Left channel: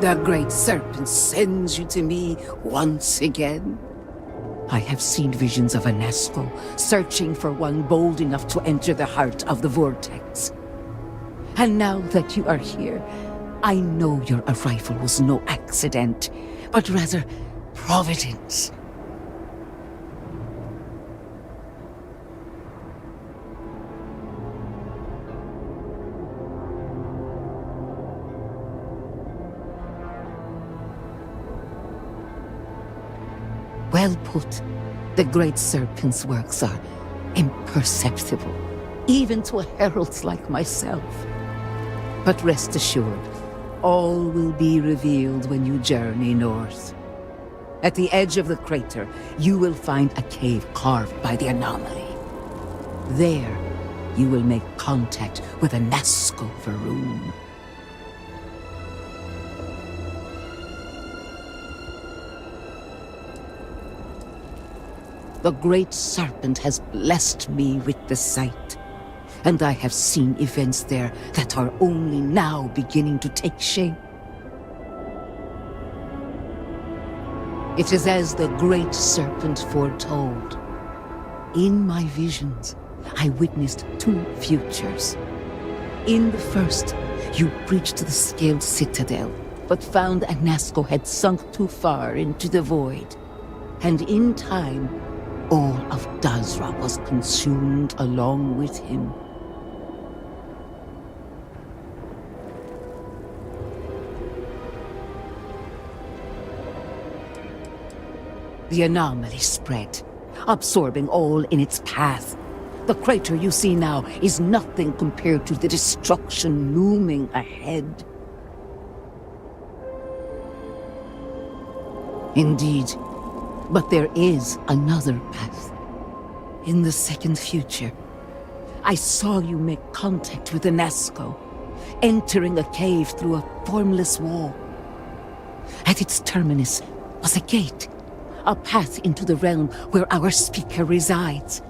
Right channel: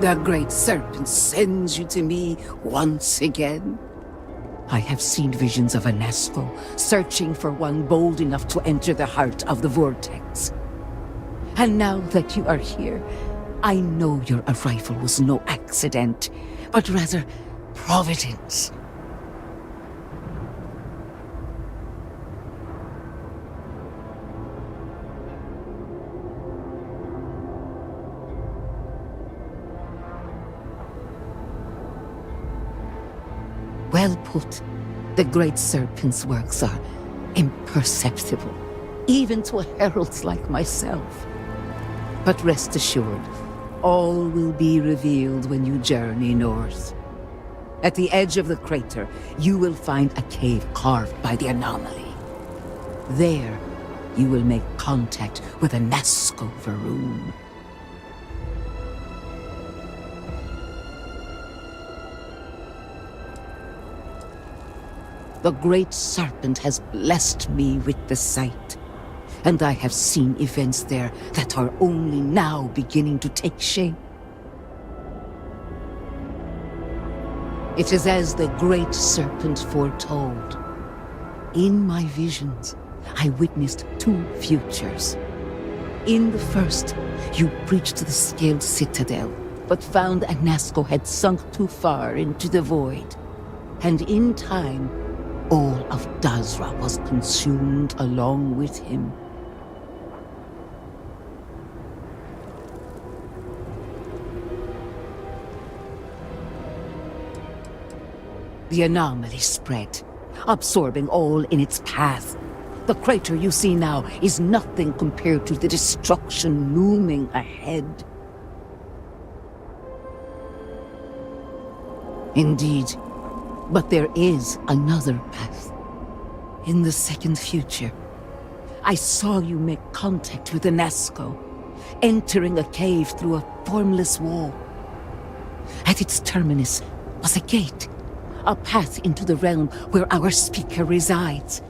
The great serpent sends you to me once again. I have seen visions of Anasco searching for one bold enough to enter the heart of the vortex. And now that you are here, I know your arrival was no accident, but rather providence. Well put. The great serpent's works are imperceptible, even to heralds like myself. But rest assured, all will be revealed when you journey north. At the edge of the crater, you will find a cave carved by the anomaly. There, you will make contact with a Nazca Varun. The great serpent has blessed me with the sight, and I have seen events there that are only now beginning to take shape. It is as the great serpent foretold. In my visions, I witnessed two futures. In the first, you breached the scaled citadel, but found Anasco had sunk too far into the void. And in time, all of Dazra was consumed along with him. The anomaly spread, absorbing all in its path. The crater you see now is nothing compared to the destruction looming ahead. Indeed, but there is another path. In the second future, I saw you make contact with Anasco, entering a cave through a formless wall. At its terminus was a gate, a path into the realm where our speaker resides.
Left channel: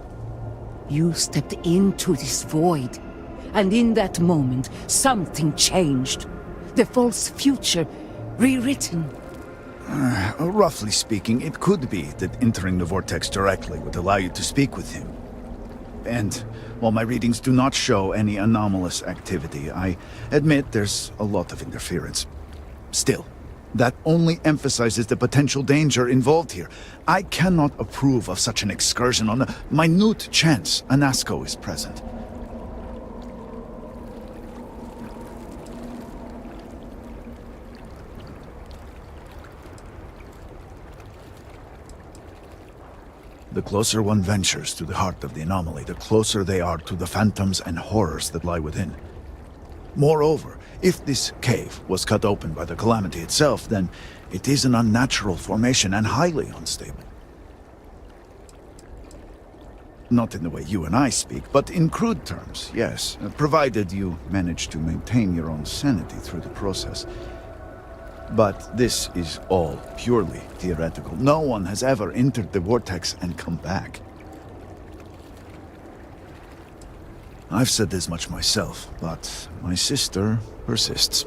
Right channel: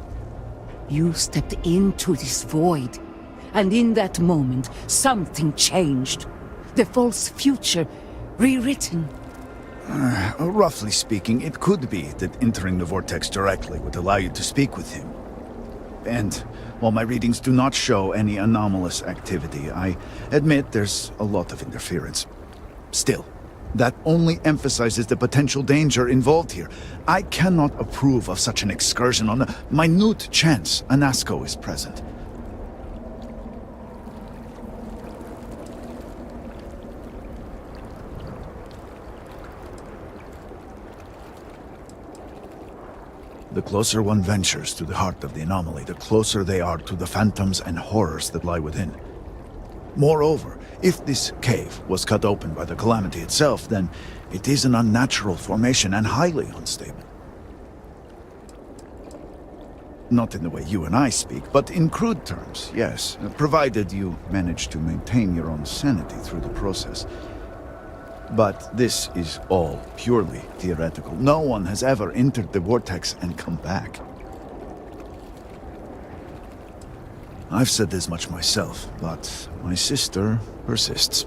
You stepped into this void, and in that moment, something changed. The false future, rewritten. Roughly speaking, it could be that entering the vortex directly would allow you to speak with him. And while my readings do not show any anomalous activity, I admit there's a lot of interference. Still, that only emphasizes the potential danger involved here. I cannot approve of such an excursion on a minute chance Anasco is present. The closer one ventures to the heart of the anomaly, the closer they are to the phantoms and horrors that lie within. Moreover, if this cave was cut open by the calamity itself, then it is an unnatural formation and highly unstable. Not in the way you and I speak, but in crude terms, yes, provided you manage to maintain your own sanity through the process. But this is all purely theoretical. No one has ever entered the vortex and come back. I've said as much myself, but my sister persists.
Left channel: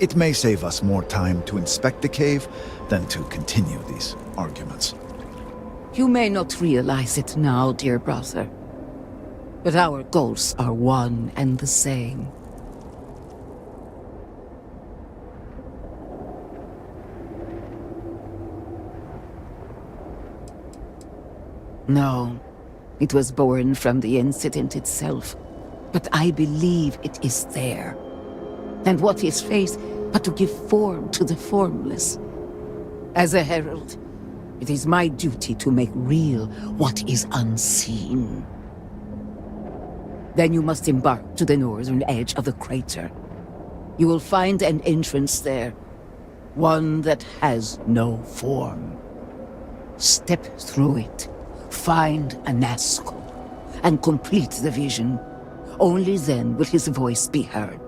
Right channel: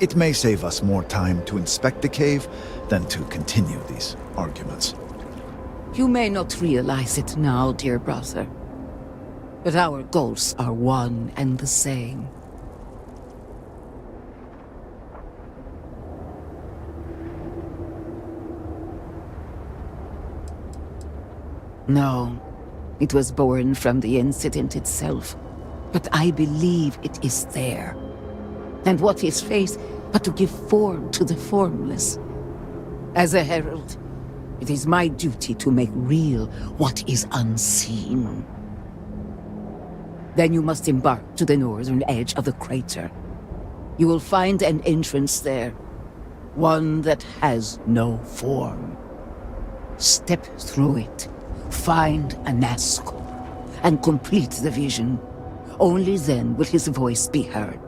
It may save us more time to inspect the cave than to continue these arguments. You may not realize it now, dear brother, but our goals are one and the same. No, it was born from the incident itself, but I believe it is there. And what is faith but to give form to the formless? As a herald, it is my duty to make real what is unseen. Then you must embark to the northern edge of the crater. You will find an entrance there, one that has no form. Step through it. Find Anasco, and complete the vision. Only then will his voice be heard.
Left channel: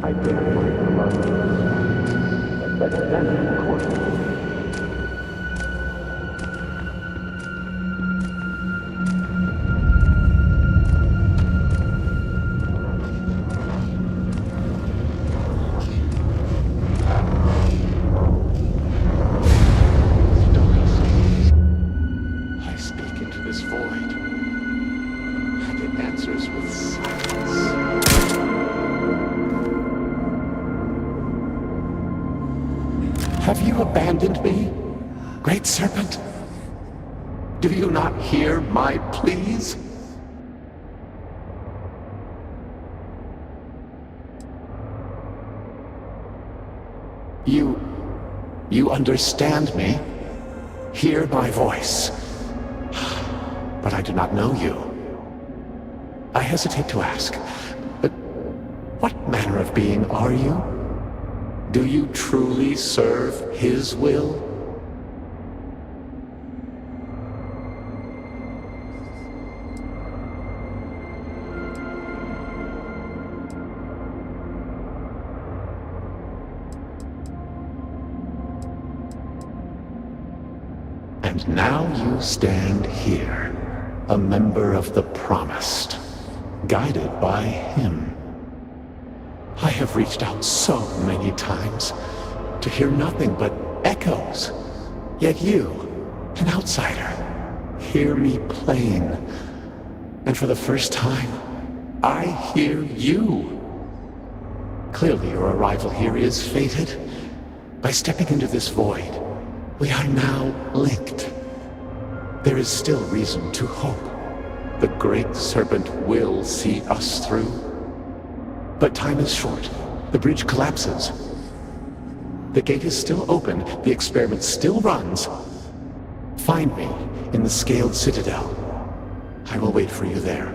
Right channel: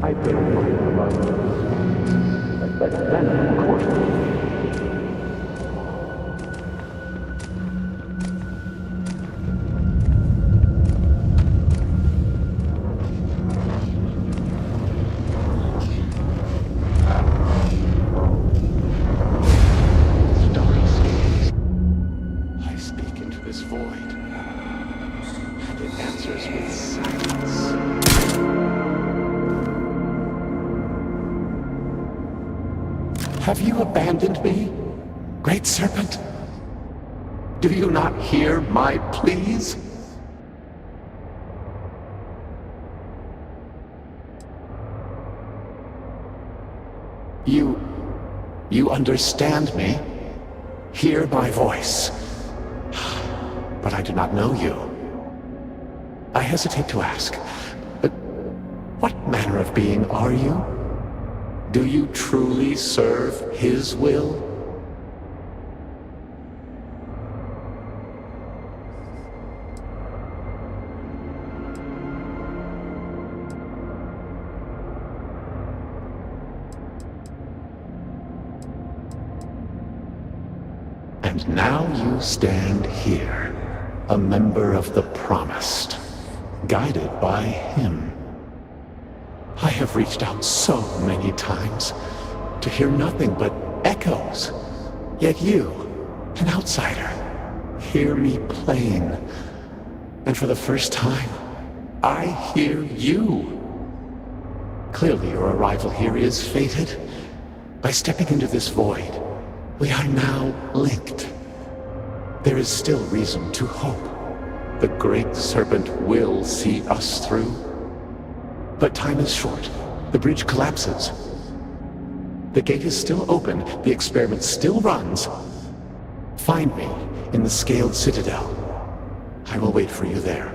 I bear my blood. But then, of course, I speak into this void, and it answers with silence. Have you abandoned me, Great Serpent? Do you not hear my pleas? You understand me? Hear my voice. But I do not know you. I hesitate to ask, but what manner of being are you? Do you truly serve his will? And now you stand here, a member of the Promised, guided by him. I have reached out so many times to hear nothing but echoes. Yet you, an outsider, hear me plain. And for the first time, I hear you. Clearly your arrival here is fated. By stepping into this void, we are now linked. There is still reason to hope. The Great Serpent will see us through. But time is short. The bridge collapses. The gate is still open. The experiment still runs. Find me in the Scaled Citadel. I will wait for you there.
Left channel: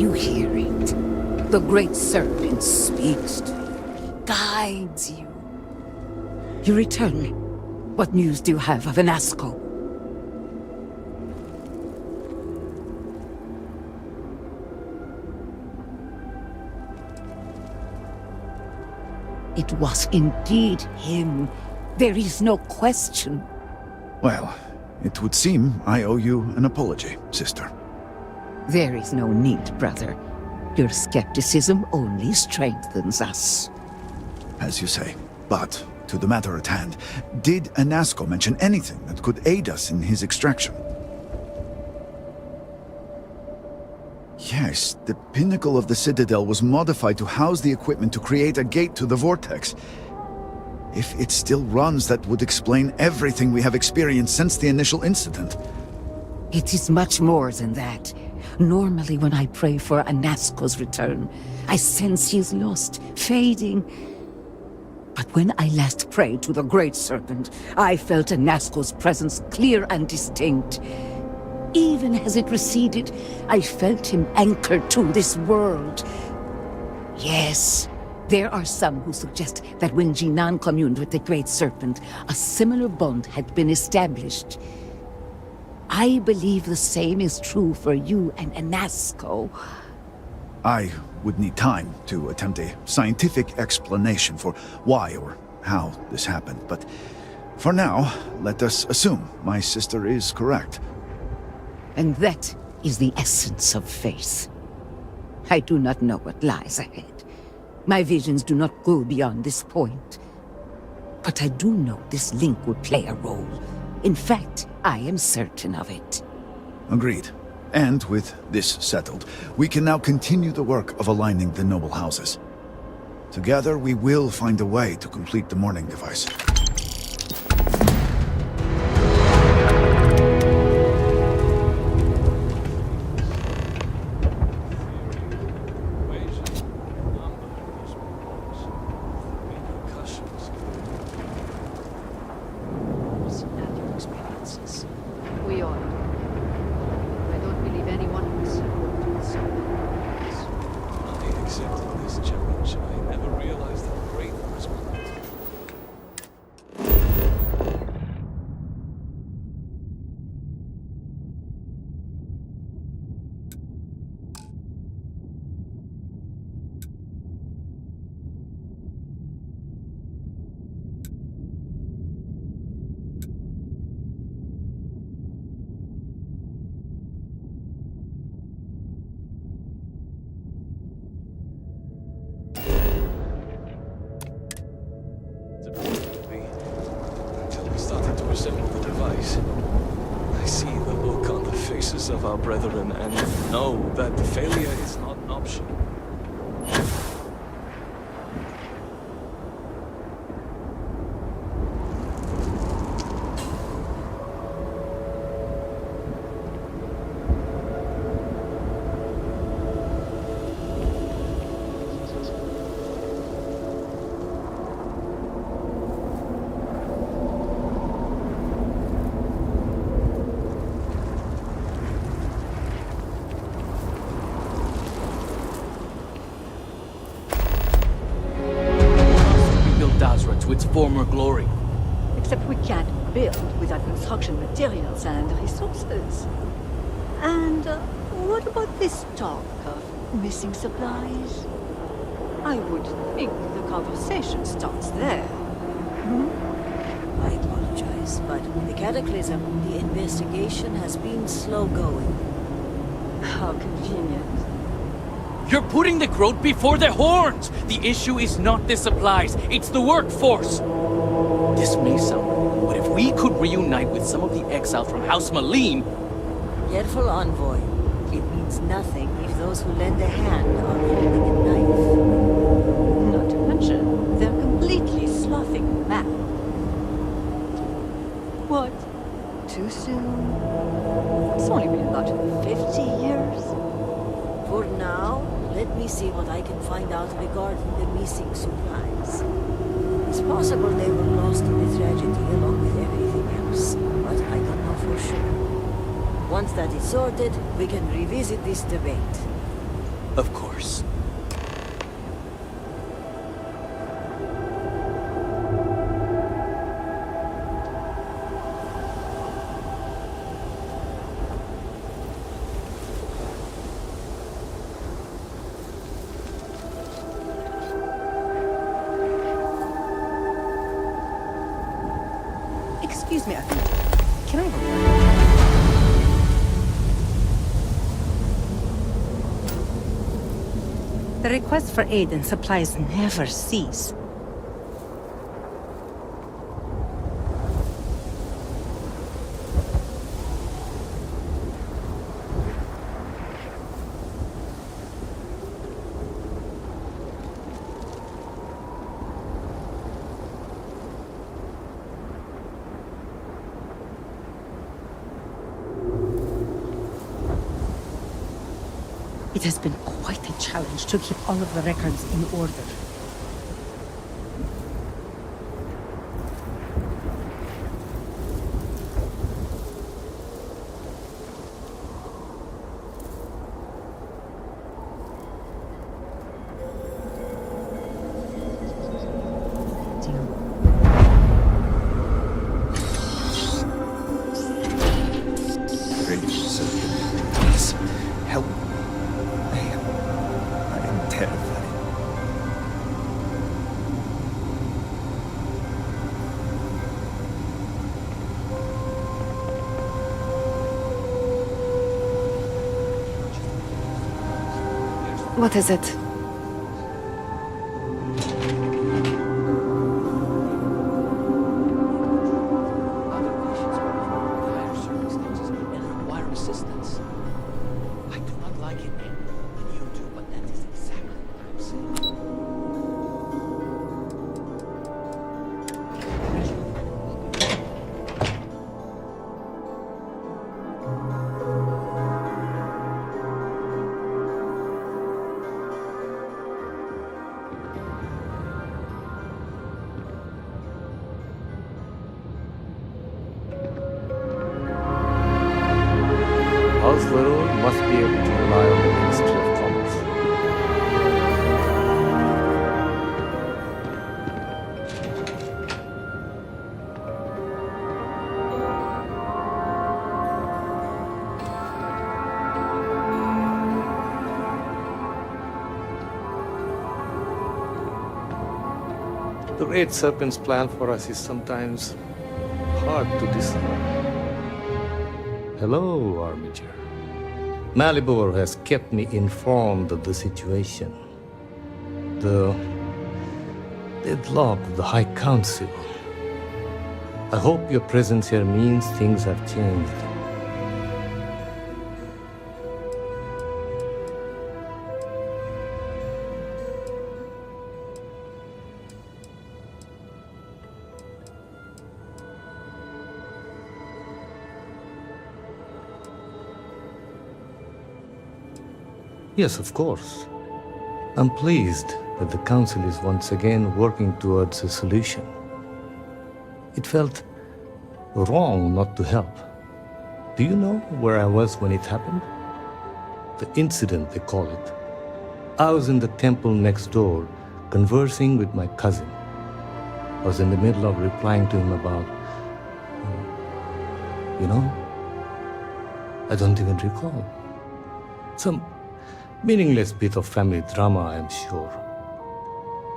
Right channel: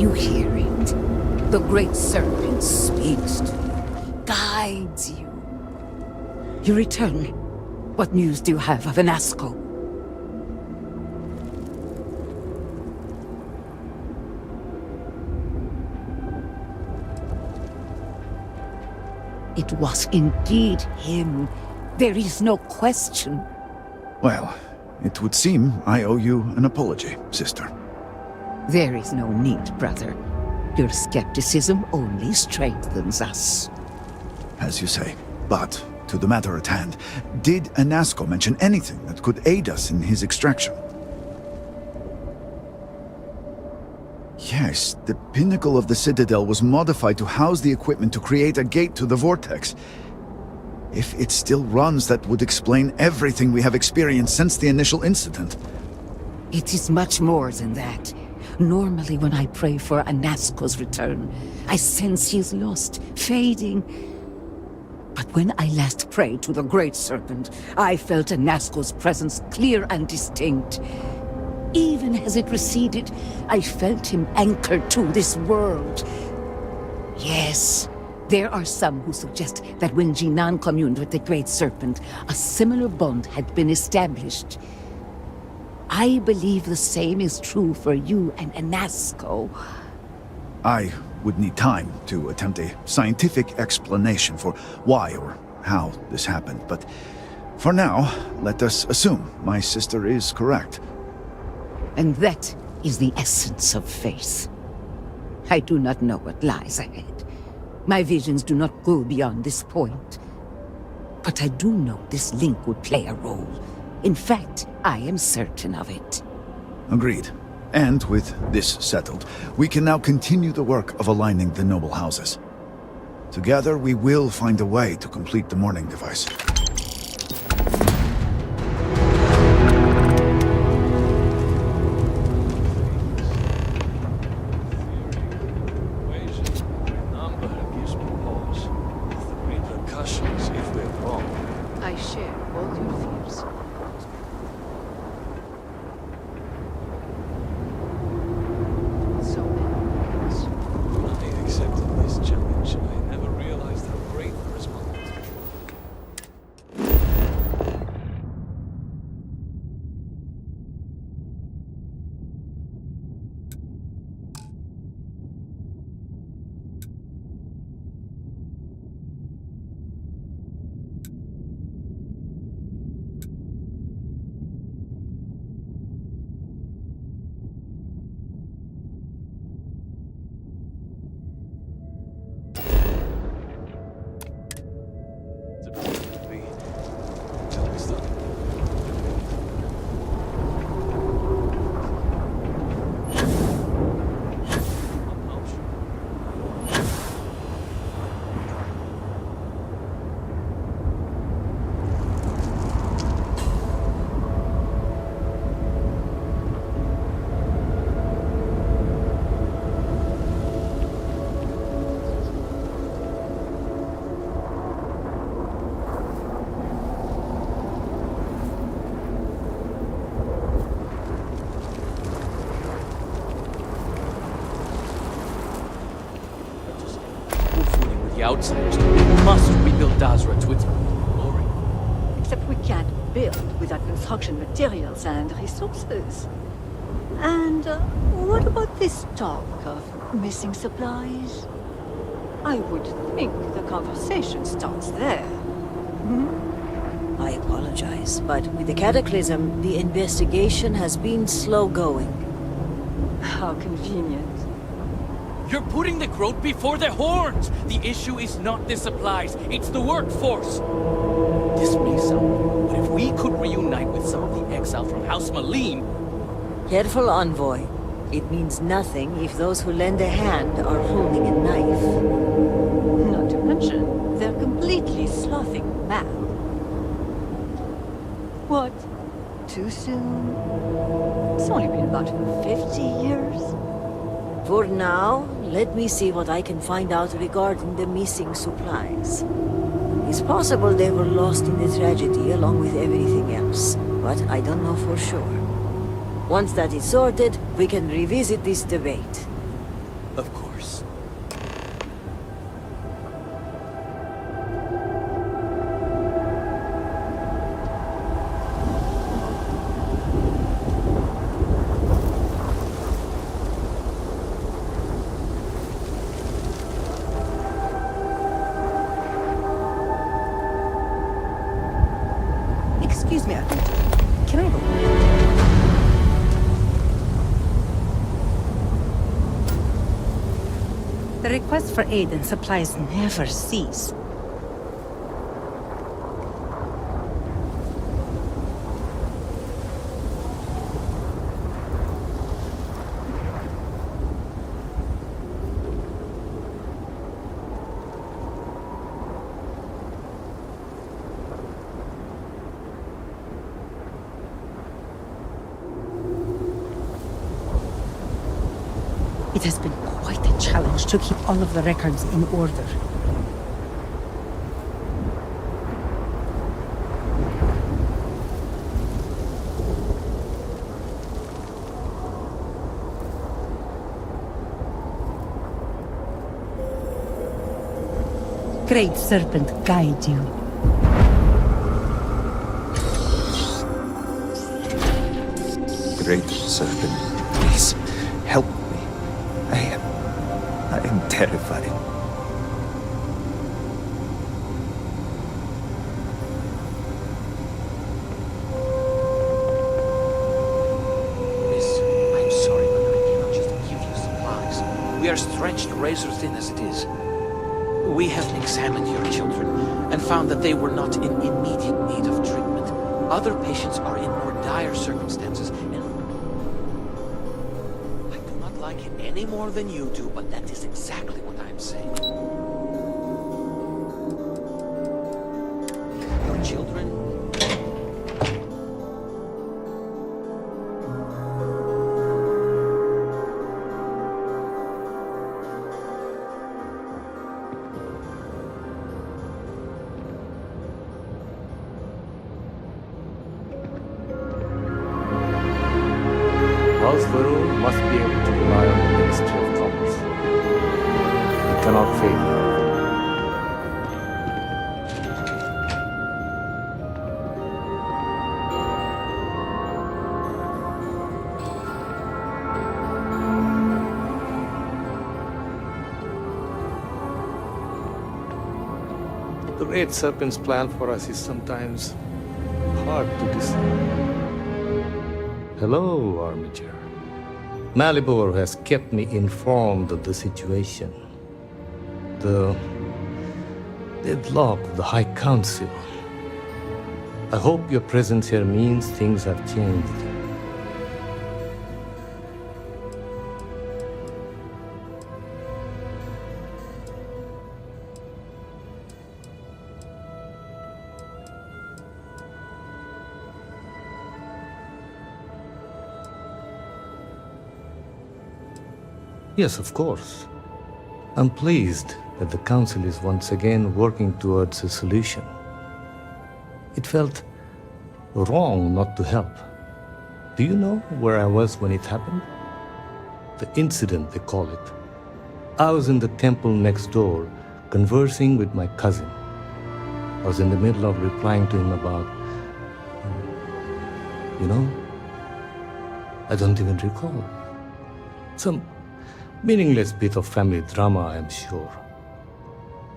you hear it? The Great Serpent speaks to you, guides you. You return. What news do you have of Anasco? It was indeed him. There is no question. Well, it would seem I owe you an apology, sister. There is no need, brother. Your skepticism only strengthens us. As you say. But, to the matter at hand, did Anasco mention anything that could aid us in his extraction? Yes, the pinnacle of the Citadel was modified to house the equipment to create a gate to the Vortex. If it still runs, that would explain everything we have experienced since the initial incident. It is much more than that. Normally when I pray for Anasco's return, I sense he is lost, fading. But when I last prayed to the Great Serpent, I felt Anasco's presence clear and distinct. Even as it receded, I felt him anchored to this world. Yes, there are some who suggest that when Jinan communed with the Great Serpent, a similar bond had been established. I believe the same is true for you and Anasco. I would need time to attempt a scientific explanation for why or how this happened, but for now, let us assume my sister is correct. And that is the essence of faith. I do not know what lies ahead. My visions do not go beyond this point. But I do know this link would play a role. In fact, I am certain of it. Agreed. And with this settled, we can now continue the work of aligning the noble houses. Together, we will find a way to complete the mourning device. We must rebuild Dazra to its former glory. Except we can't build without construction materials and resources. And what about this talk of missing supplies? I would think the conversation starts there. I apologize, but with the Cataclysm, the investigation has been slow going. How convenient. You're putting the growth before the horns! The issue is not the supplies, it's the workforce! This may sound weird, but if we could reunite with some of the exiles from House Malene... Careful, Envoy. It means nothing if those who lend a hand are holding a knife. Not to mention, they're completely sloughing mad. What? Too soon? It's only been about 50 years. For now, let me see what I can find out regarding the missing supplies. It's possible they were lost in the tragedy along with everything else, but I don't know for sure. Once that is sorted, we can revisit this debate. Of course. Excuse me, can I have a word? The requests for aid and supplies never cease. It has been quite a challenge to keep all of the records in order. Great Serpent guide you. Great Serpent, please help me. I am terrified. Miss, I'm sorry, but I cannot just give you supplies. We are What is stretched it? razor thin as it is. We have examined your children and found that they were not in immediate need of treatment. Other patients are in more dire circumstances and require assistance. I do not like it any more than you do, but that is exactly what I am saying. Your children. House Varun must be able to rely on the Ministry of Commerce. It cannot fail. The Great Serpent's plan for us is sometimes hard to discern. Hello, Armiger. Malibor has kept me informed of the situation. The deadlock of the High Council. I hope your presence here means things have changed. Yes, of course. I'm pleased that the Council is once again working towards a solution. It felt wrong not to help. Do you know where I was when it happened? The incident, they call it. I was in the temple next door, conversing with my cousin. I was in the middle of replying to him about... I don't even recall. Some meaningless bit of family drama, I am sure.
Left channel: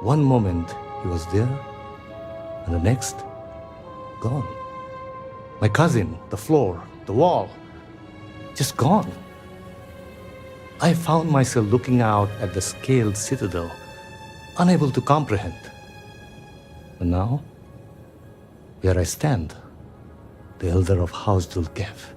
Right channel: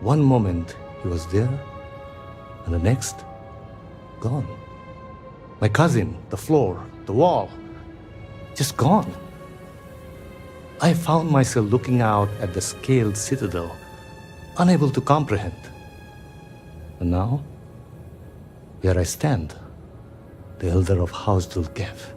One moment he was there, and the next, gone. My cousin, the floor, the wall, just gone. I found myself looking out at the scaled citadel, unable to comprehend. And now, here I stand, the elder of House Dulkev.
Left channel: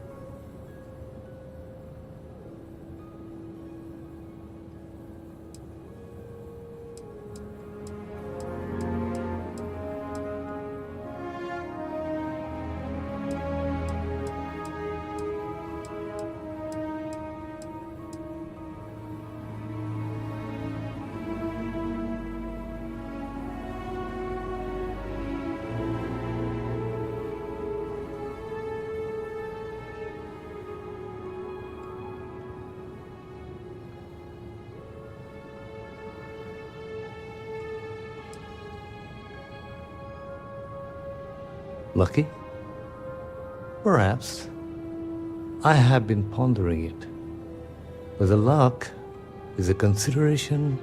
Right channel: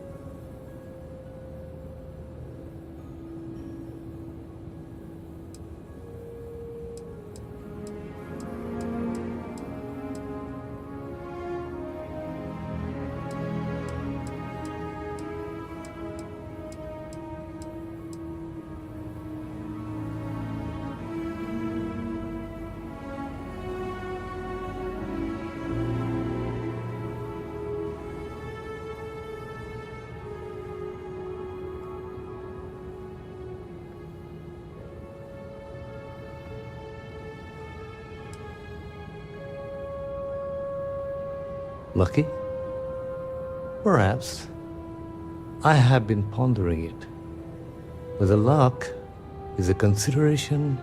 Lucky? Perhaps. I have been pondering it. But the luck is a consideration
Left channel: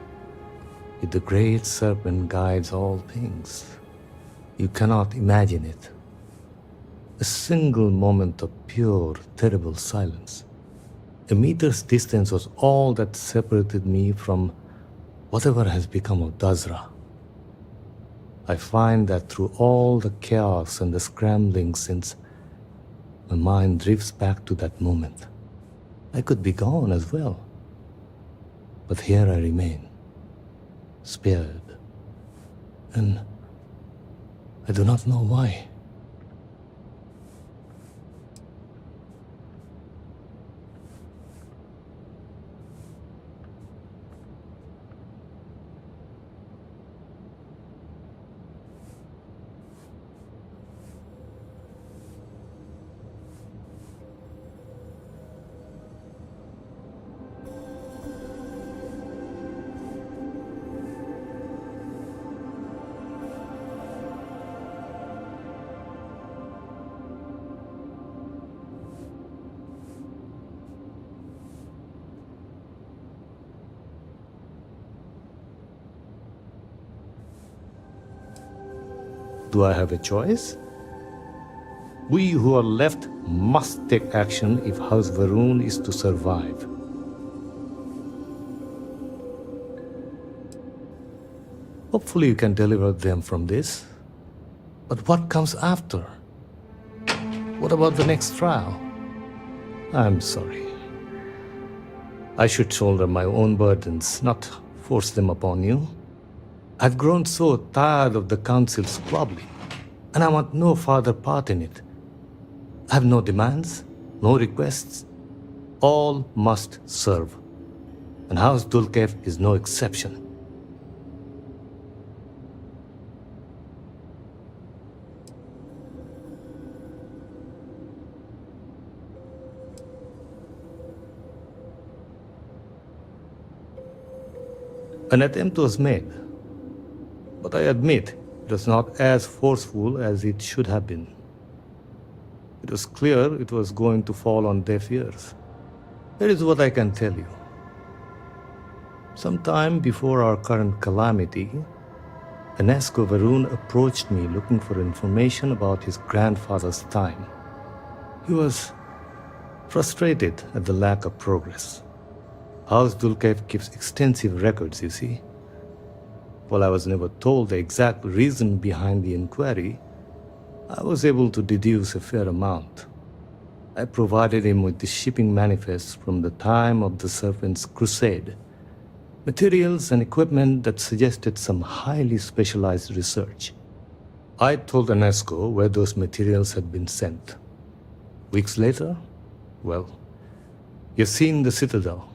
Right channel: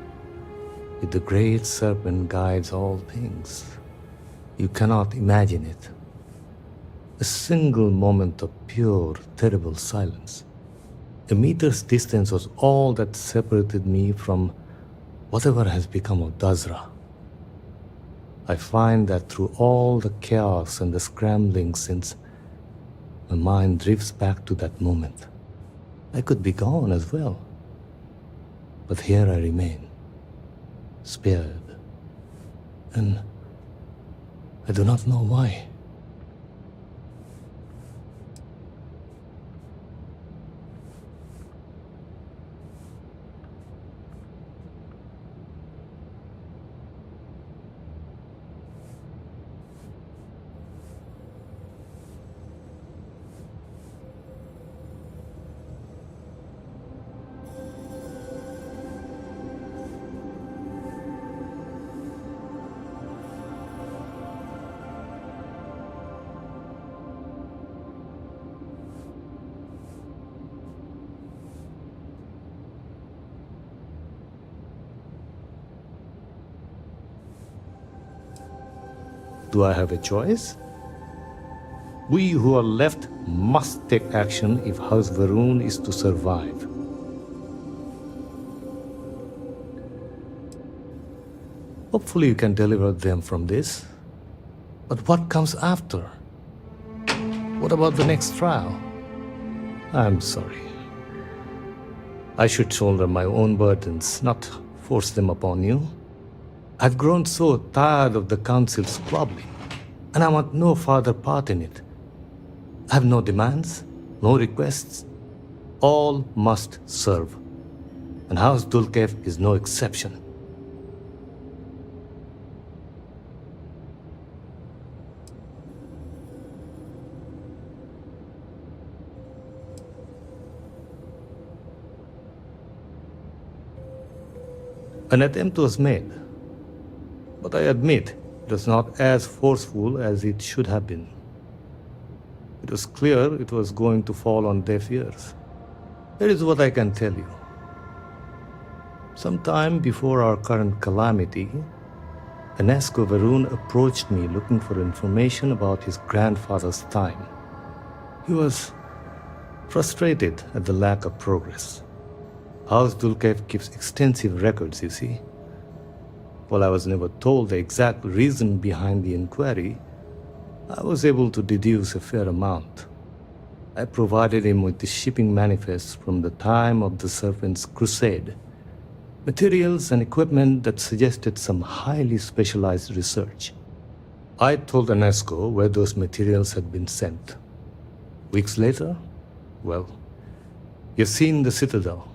if the great serpent guides all things. You cannot imagine it. A single moment of pure, terrible silence. A meter's distance was all that separated me from whatever has become of Dazra. I find that through all the chaos and the scrambling since, my mind drifts back to that moment. I could be gone as well. But here I remain, spared. And I do not know why. Do I have a choice? We who are left must take action if House Varun is to survive. Hopefully you can deliver them from this. But what comes after? What about the next trial? I'm sorry. I should shoulder my own burdens, not force them upon you. I've grown so tired of the council squabbling, and I want no further part in it. I have no demands, no requests. All must serve. And House Dulkev is no exception. An attempt was made, but I admit it was not as forceful as it should have been. It was clear it was going to fall on deaf ears. Here is what I can tell you. Sometime before our current calamity, Enesco Varun approached me looking for information about his grandfather's time. He was frustrated at the lack of progress. House Dulkev keeps extensive records, you see. While I was never told the exact reason behind the inquiry, I was able to deduce a fair amount. I provided him with the shipping manifests from the time of the Serpent's crusade, materials and equipment that suggested some highly specialized research. I told Enesco where those materials had been sent. Weeks later, well, you've seen the Citadel.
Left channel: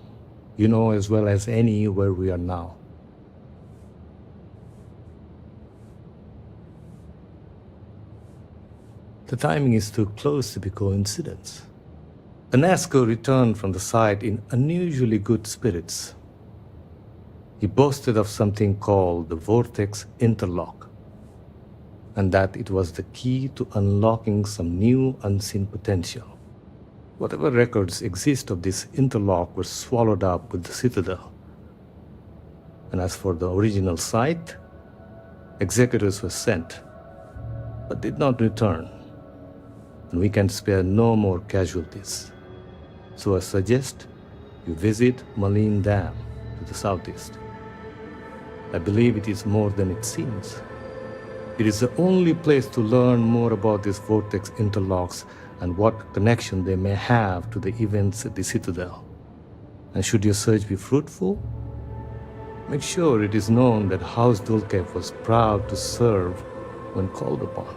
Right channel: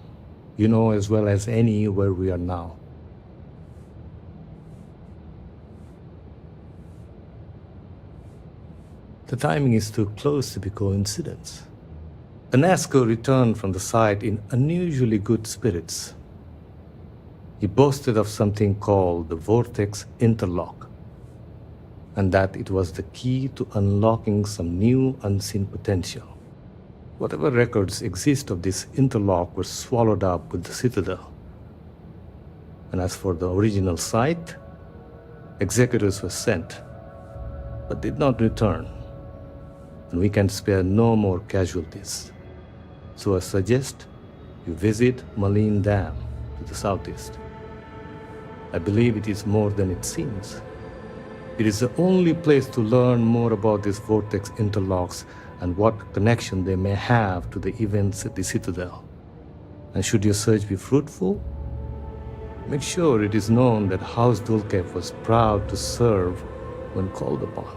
You know as well as any where we are now. The timing is too close to be coincidence. Enesco returned from the site in unusually good spirits. He boasted of something called the Vortex Interlock, and that it was the key to unlocking some new unseen potential. Whatever records exist of this interlock were swallowed up with the Citadel. And as for the original site, executors were sent, but did not return. And we can spare no more casualties. So I suggest you visit Malin Dam to the southeast. I believe it is more than it seems. It is the only place to learn more about these vortex interlocks and what connection they may have to the events at the Citadel. And should your search be fruitful, make sure it is known that House Dulkev was proud to serve when called upon.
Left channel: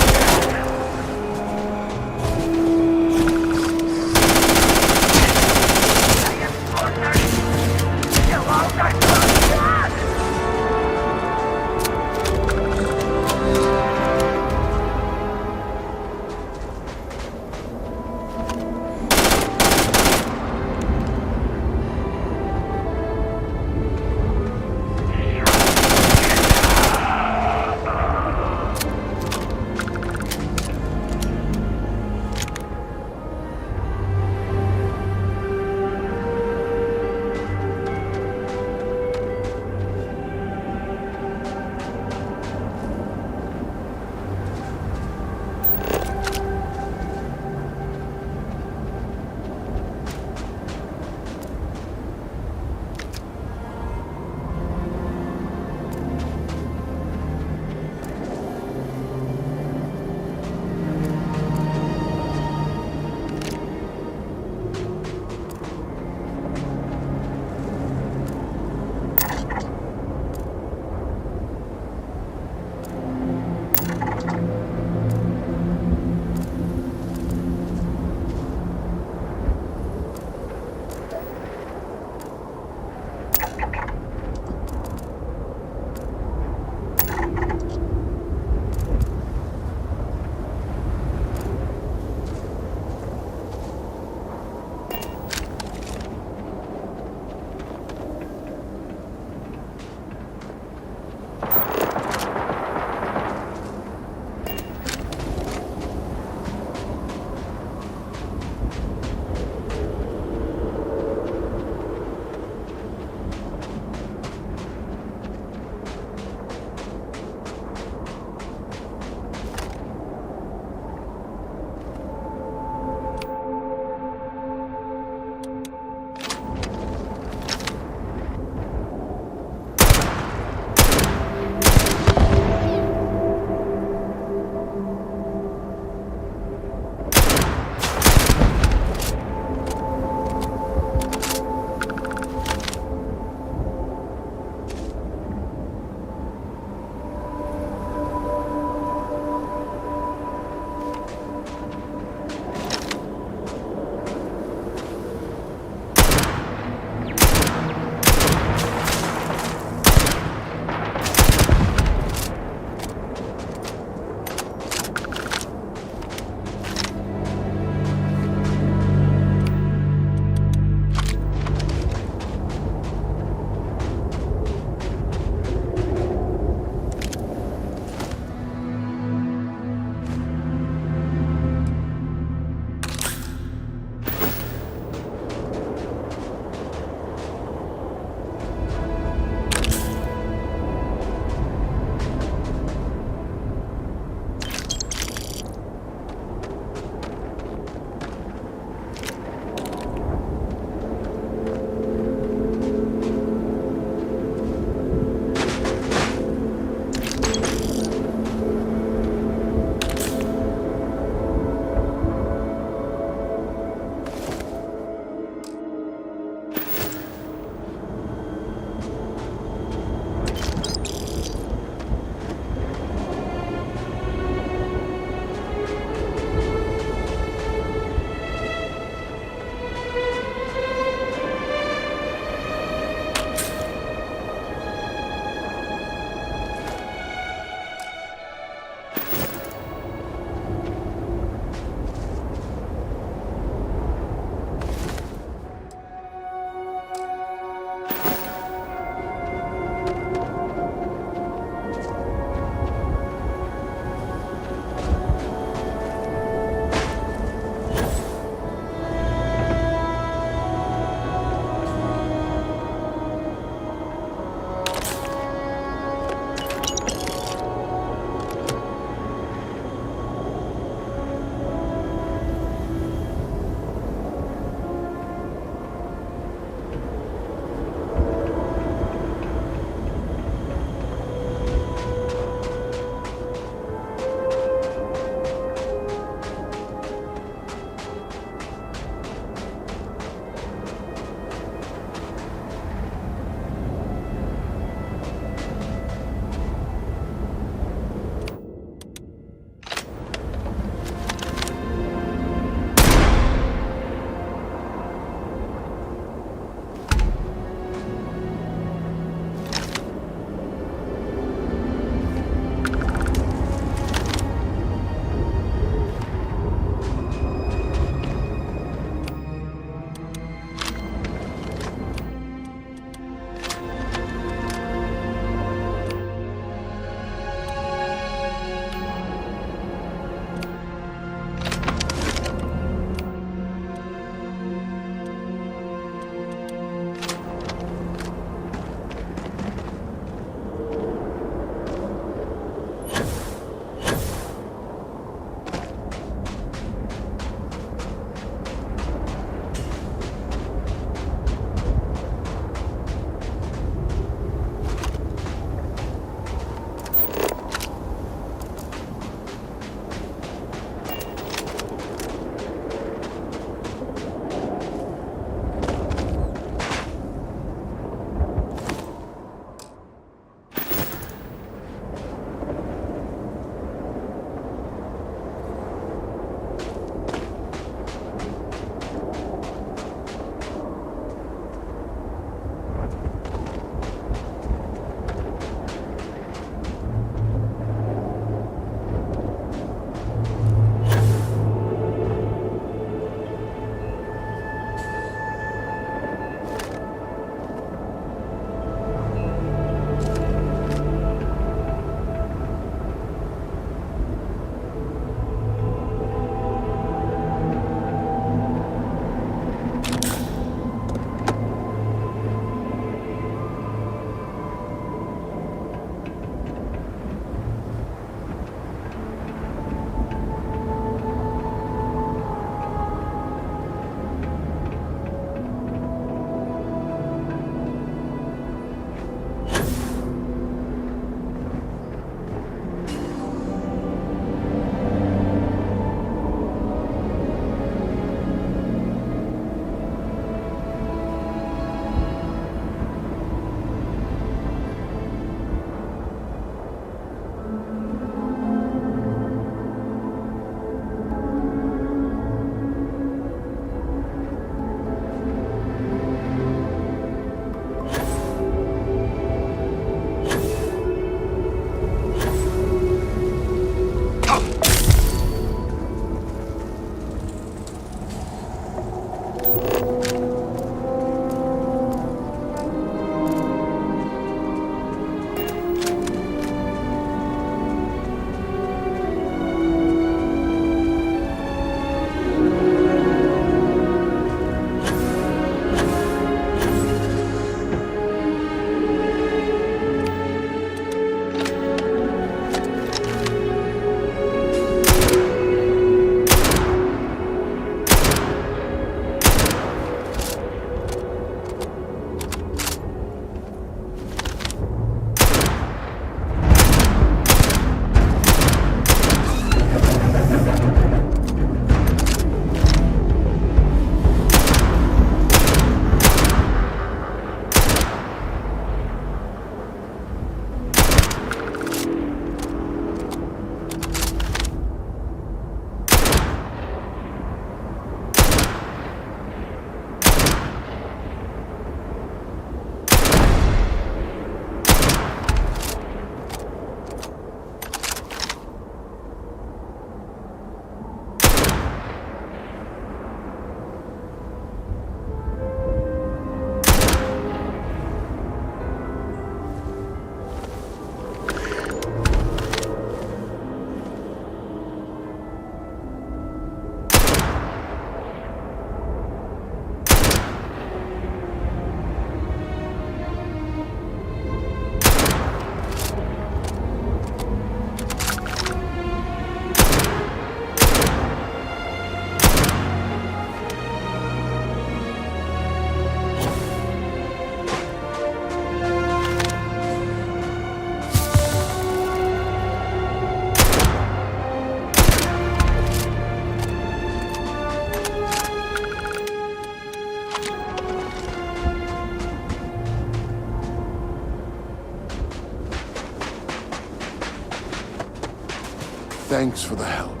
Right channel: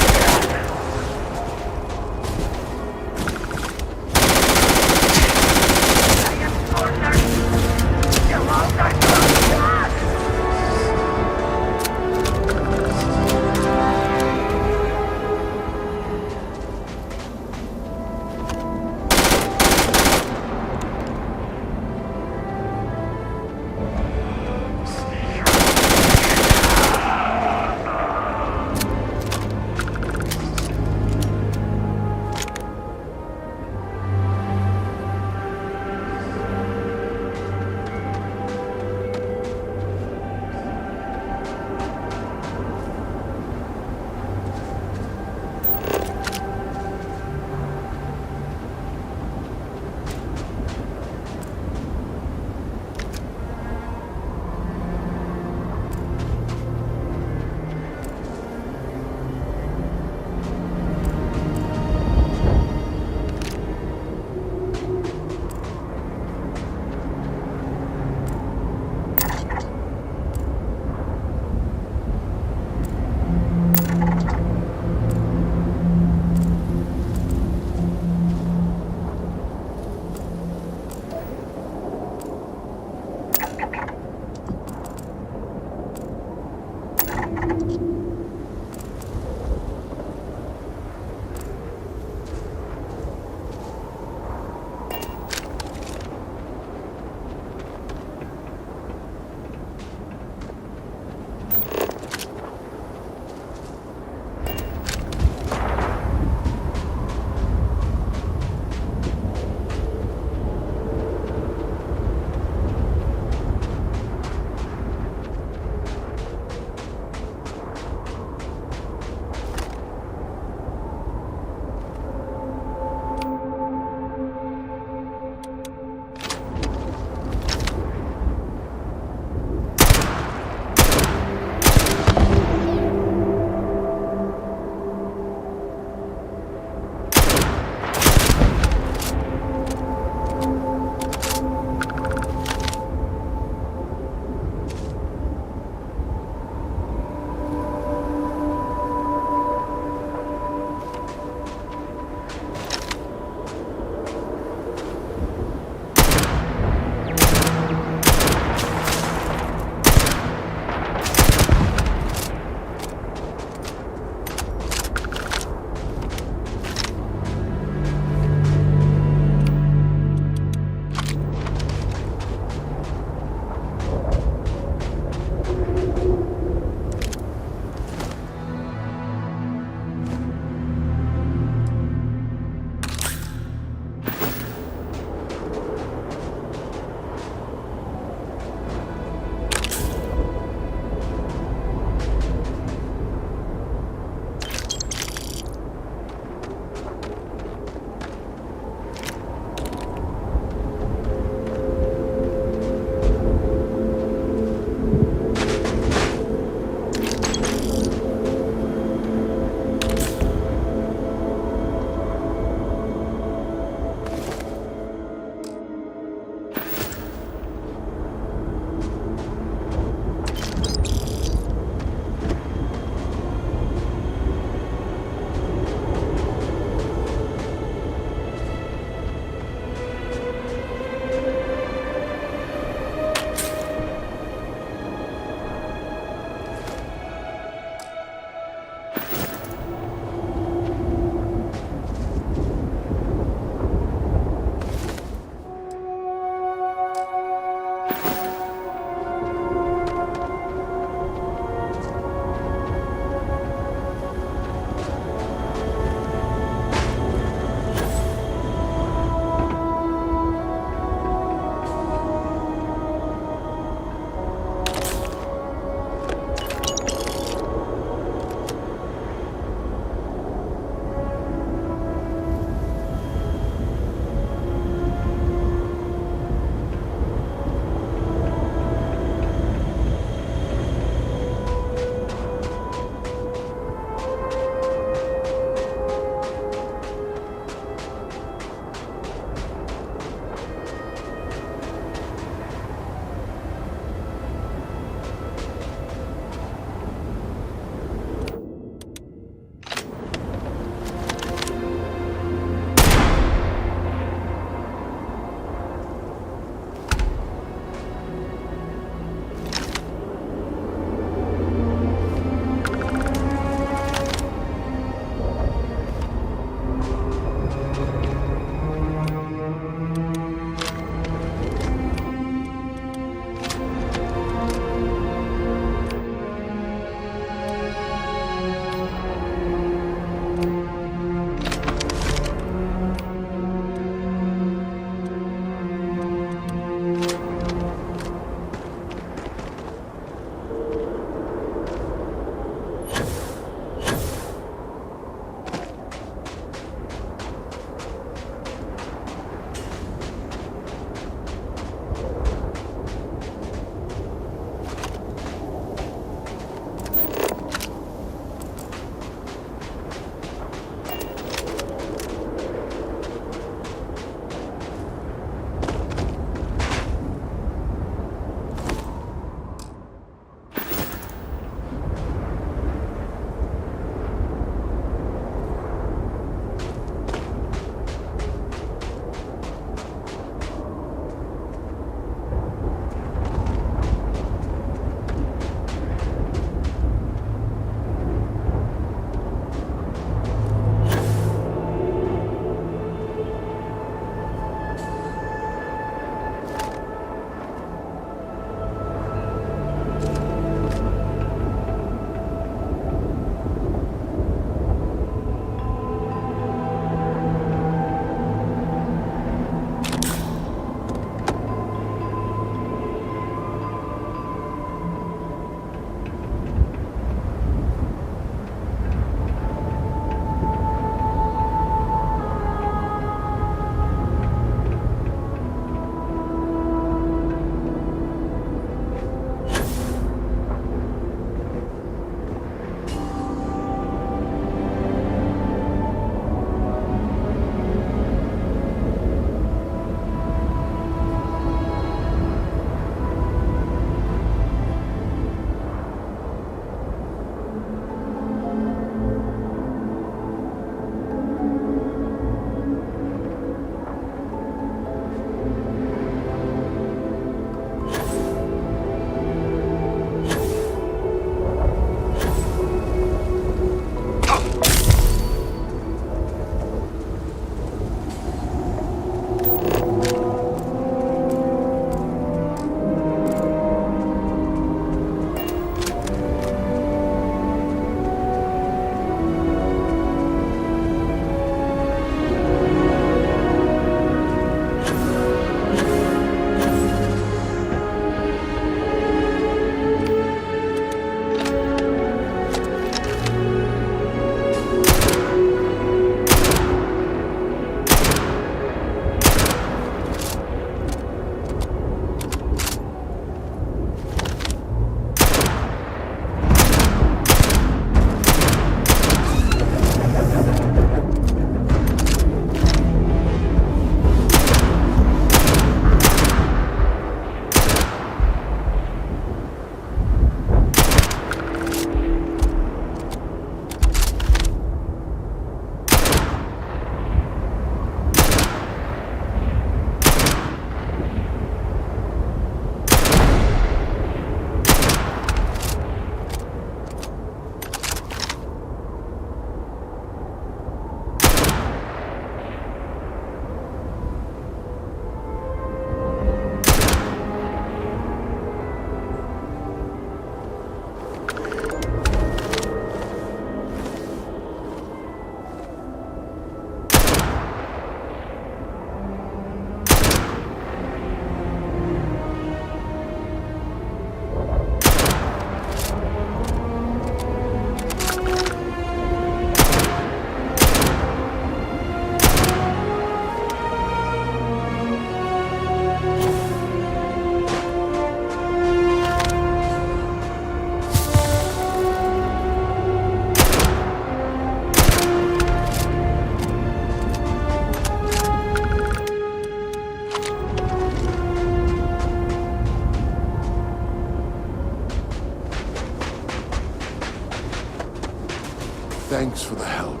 Thanks for the help.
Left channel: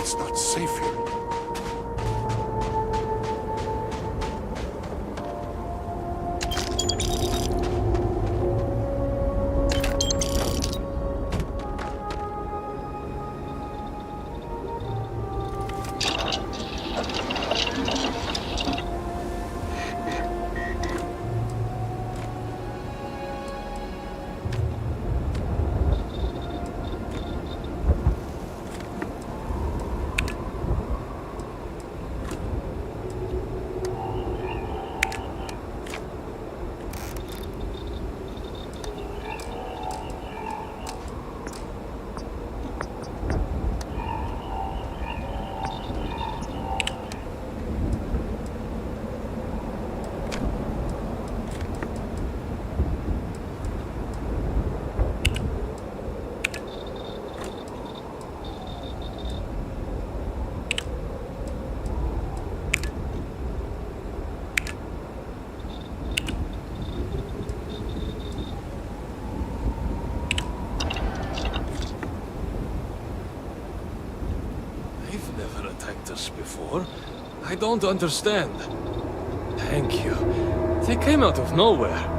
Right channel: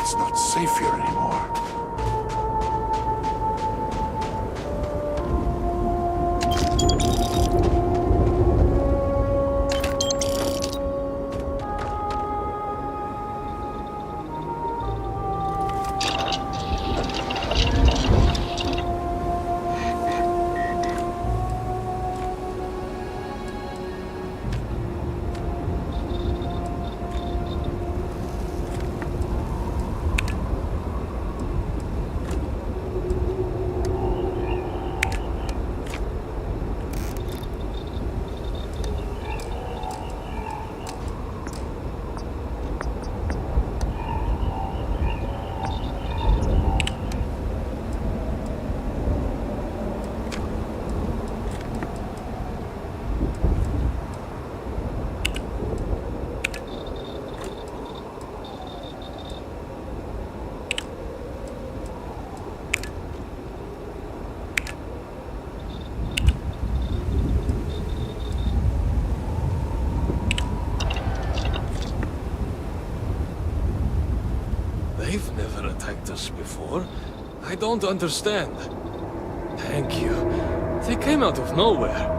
It's not safe here anymore. They've never attacked us before. I don't understand. Thank you. They came out of nowhere.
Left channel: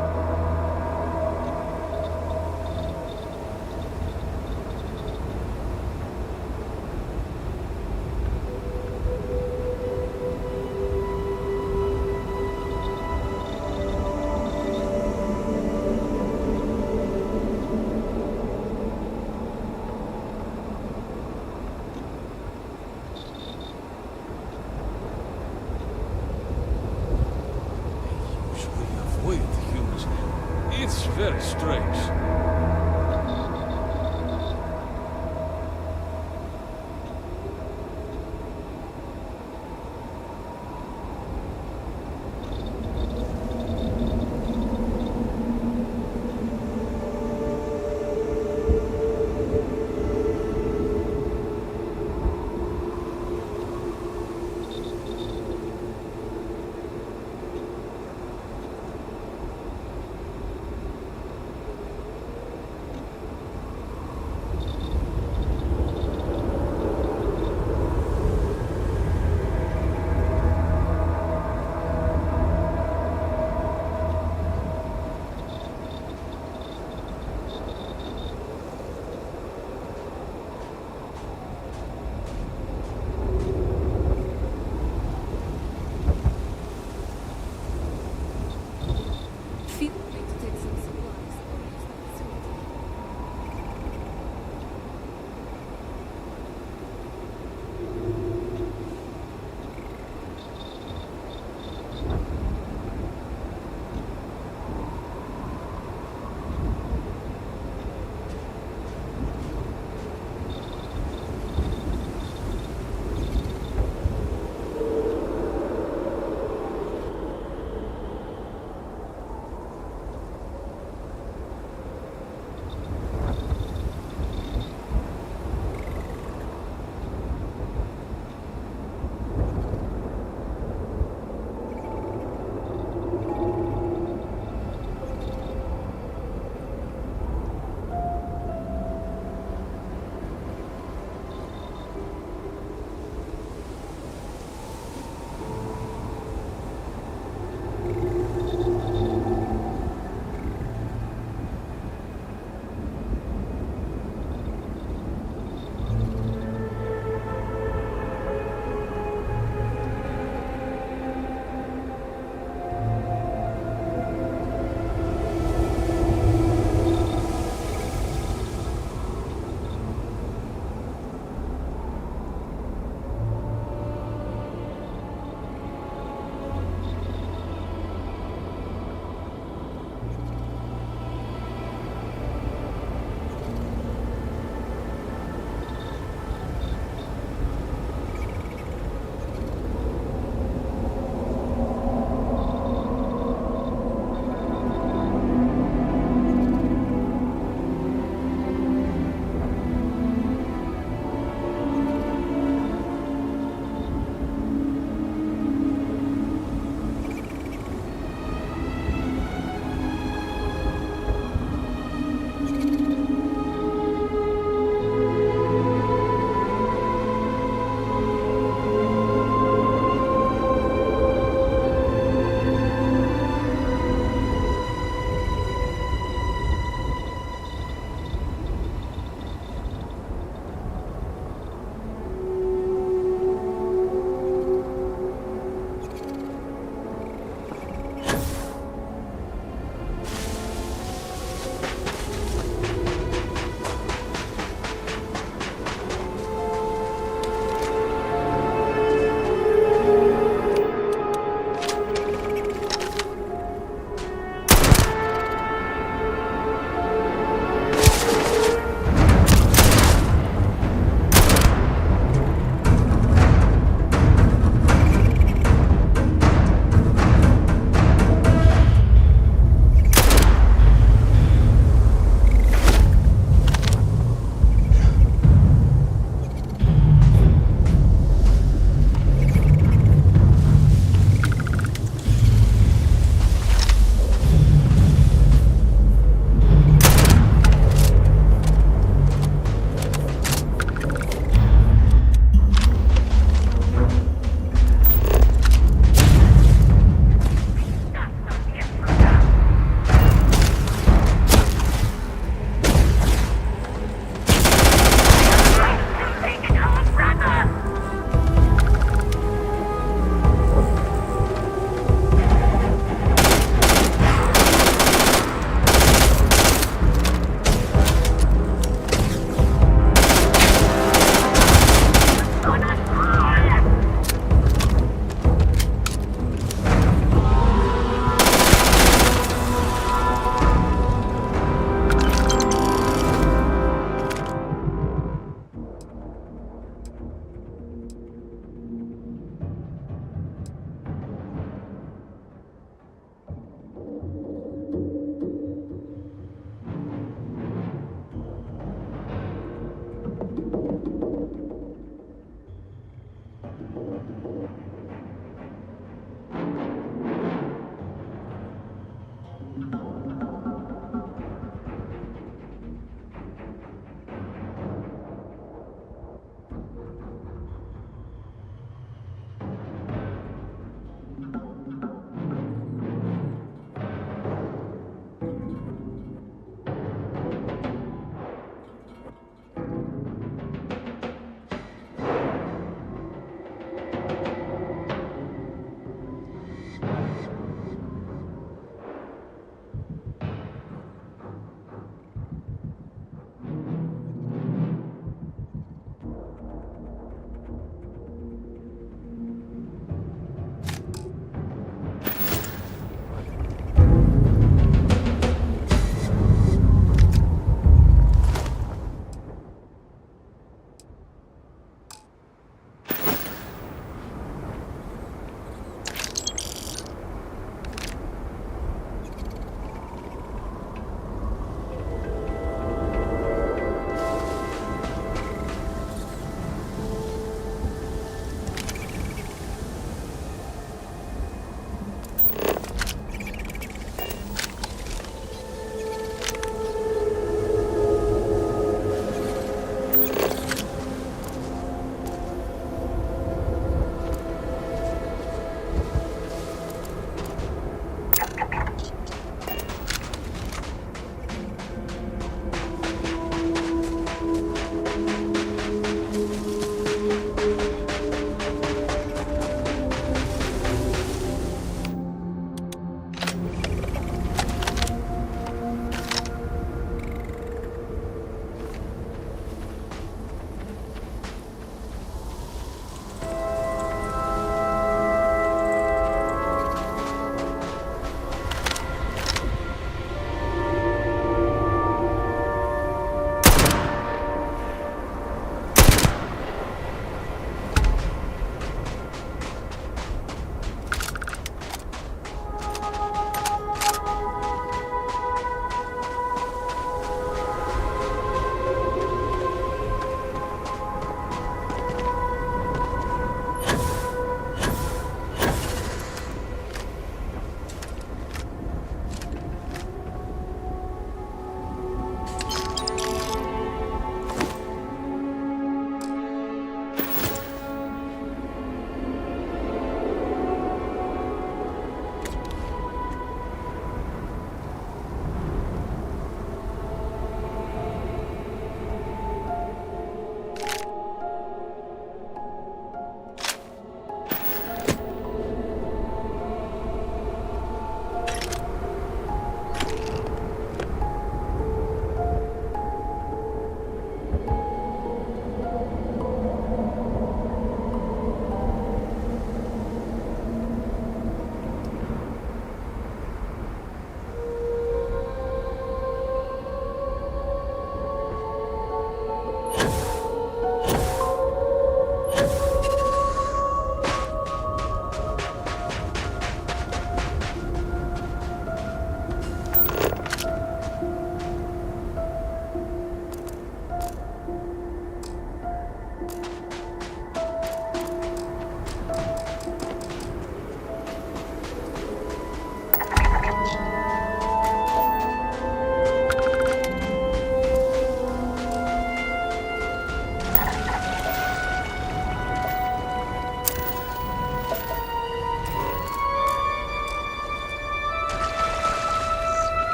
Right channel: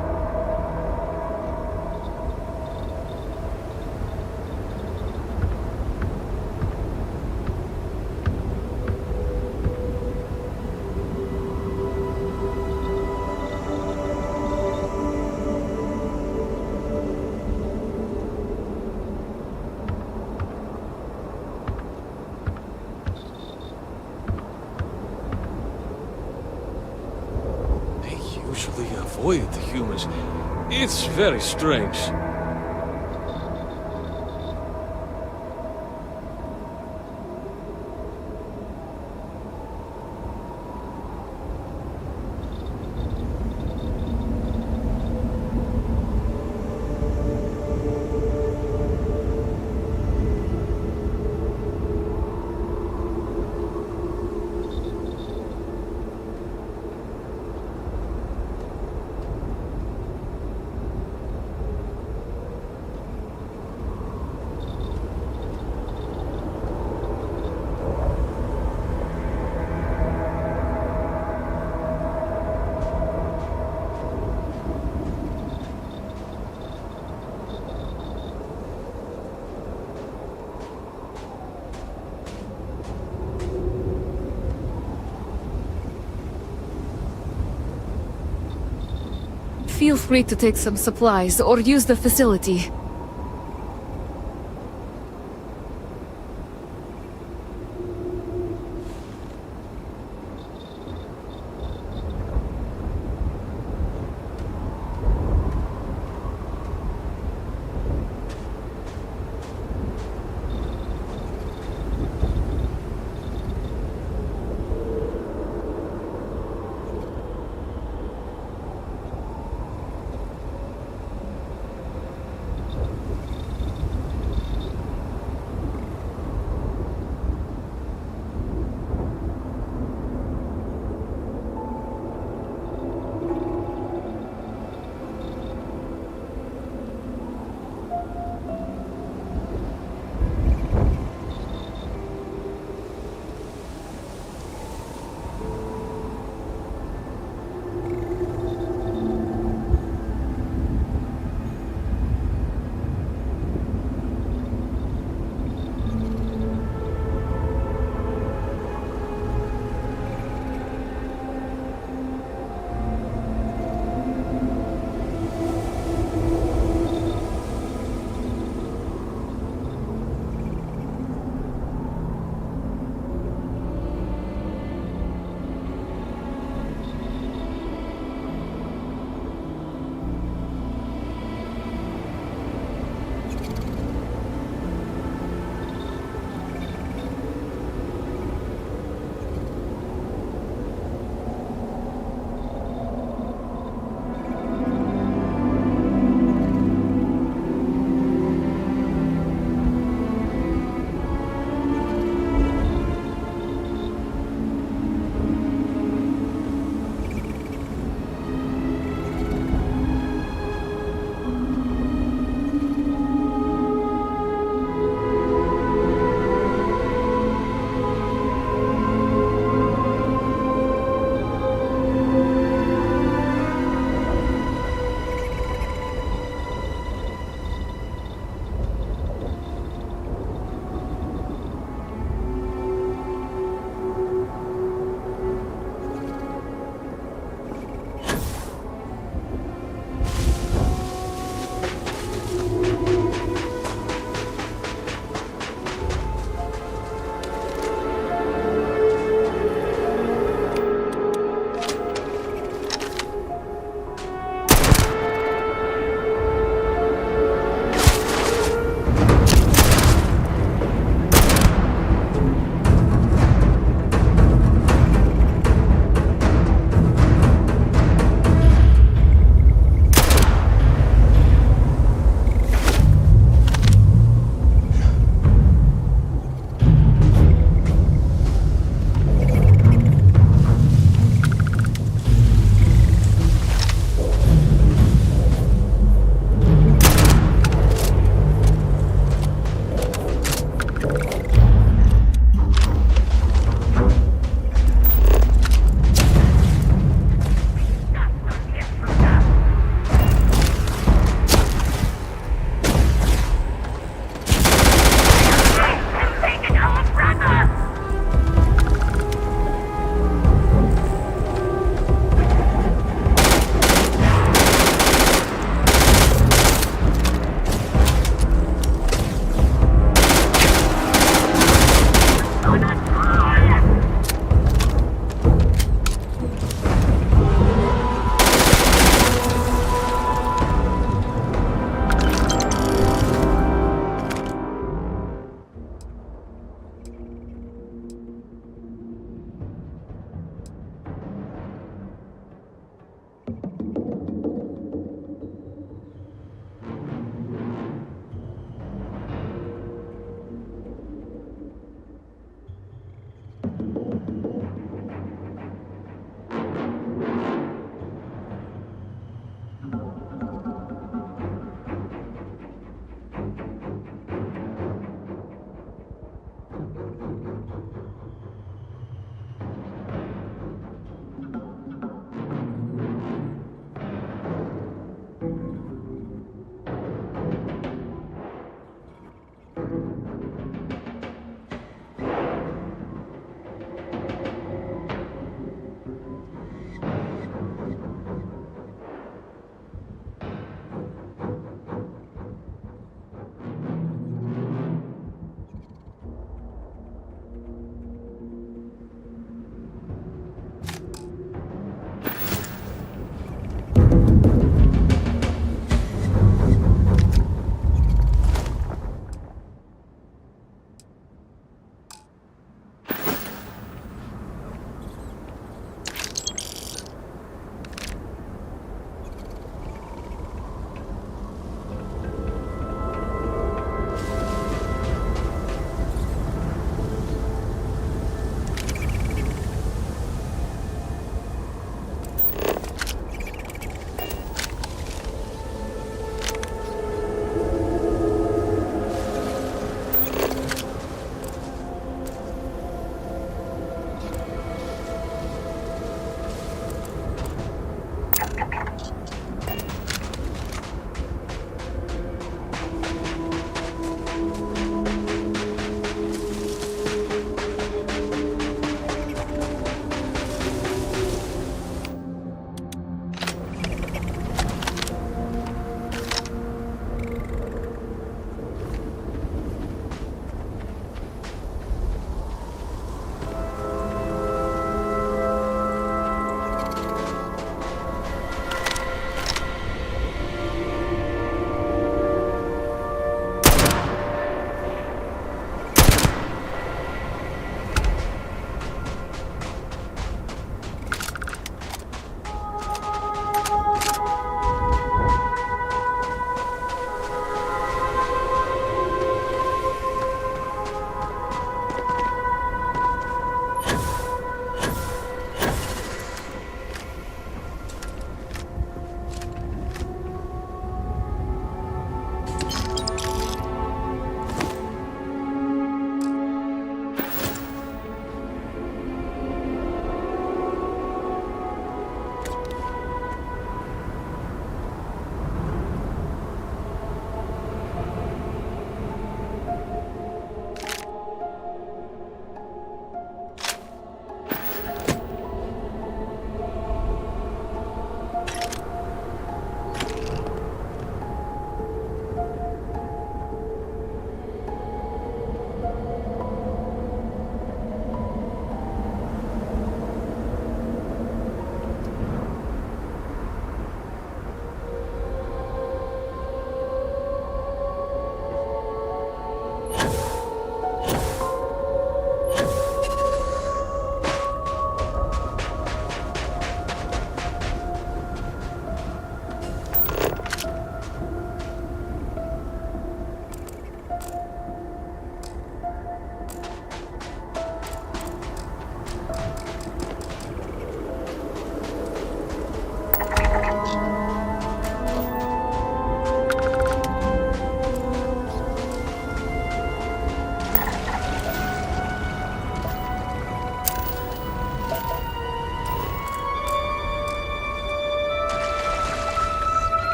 Usually avoid the humans. It's very strange. Feel free to take some supplies or use the facility.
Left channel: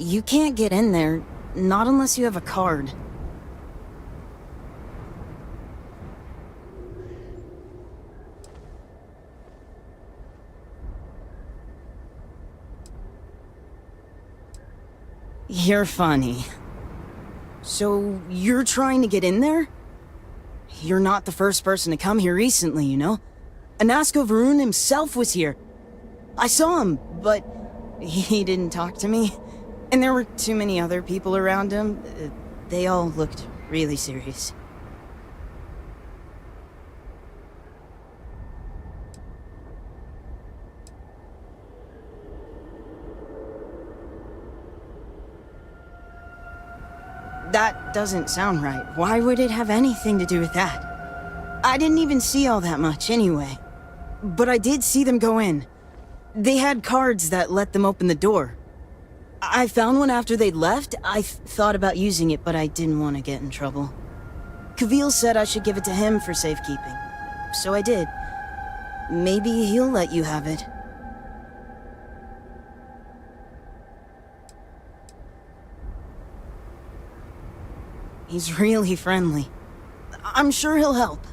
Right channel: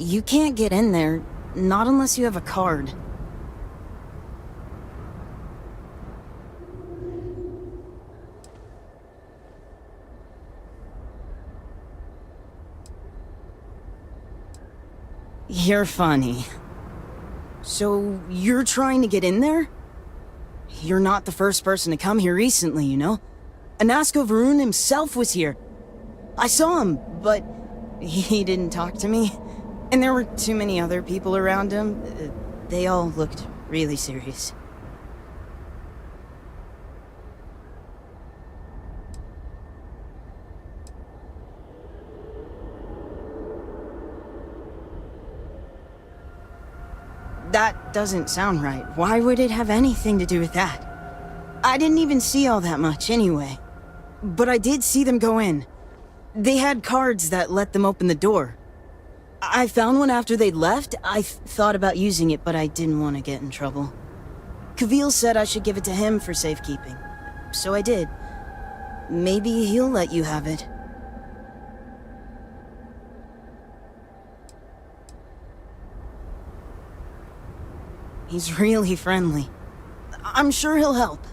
You can't get in there, not unless you have a card. You're funny. So, you're trying to get in there? You're not the first person to come here recently, you know? Anasco Varun himself was here. I saw him, but he didn't talk to me. And there were too many other people around him. They all looked really serious. That doesn't sound right. Why would it have anything to do with that? I didn't even see all that much anyway. But I did see them go in. They had cards that let them open the door. I found one after they'd left. I thought about using it, but I didn't want to get in trouble. Kavil said I should give it to him for safekeeping. So I did. Maybe he'll let you have it. He's really friendly. I'm sure he'll help.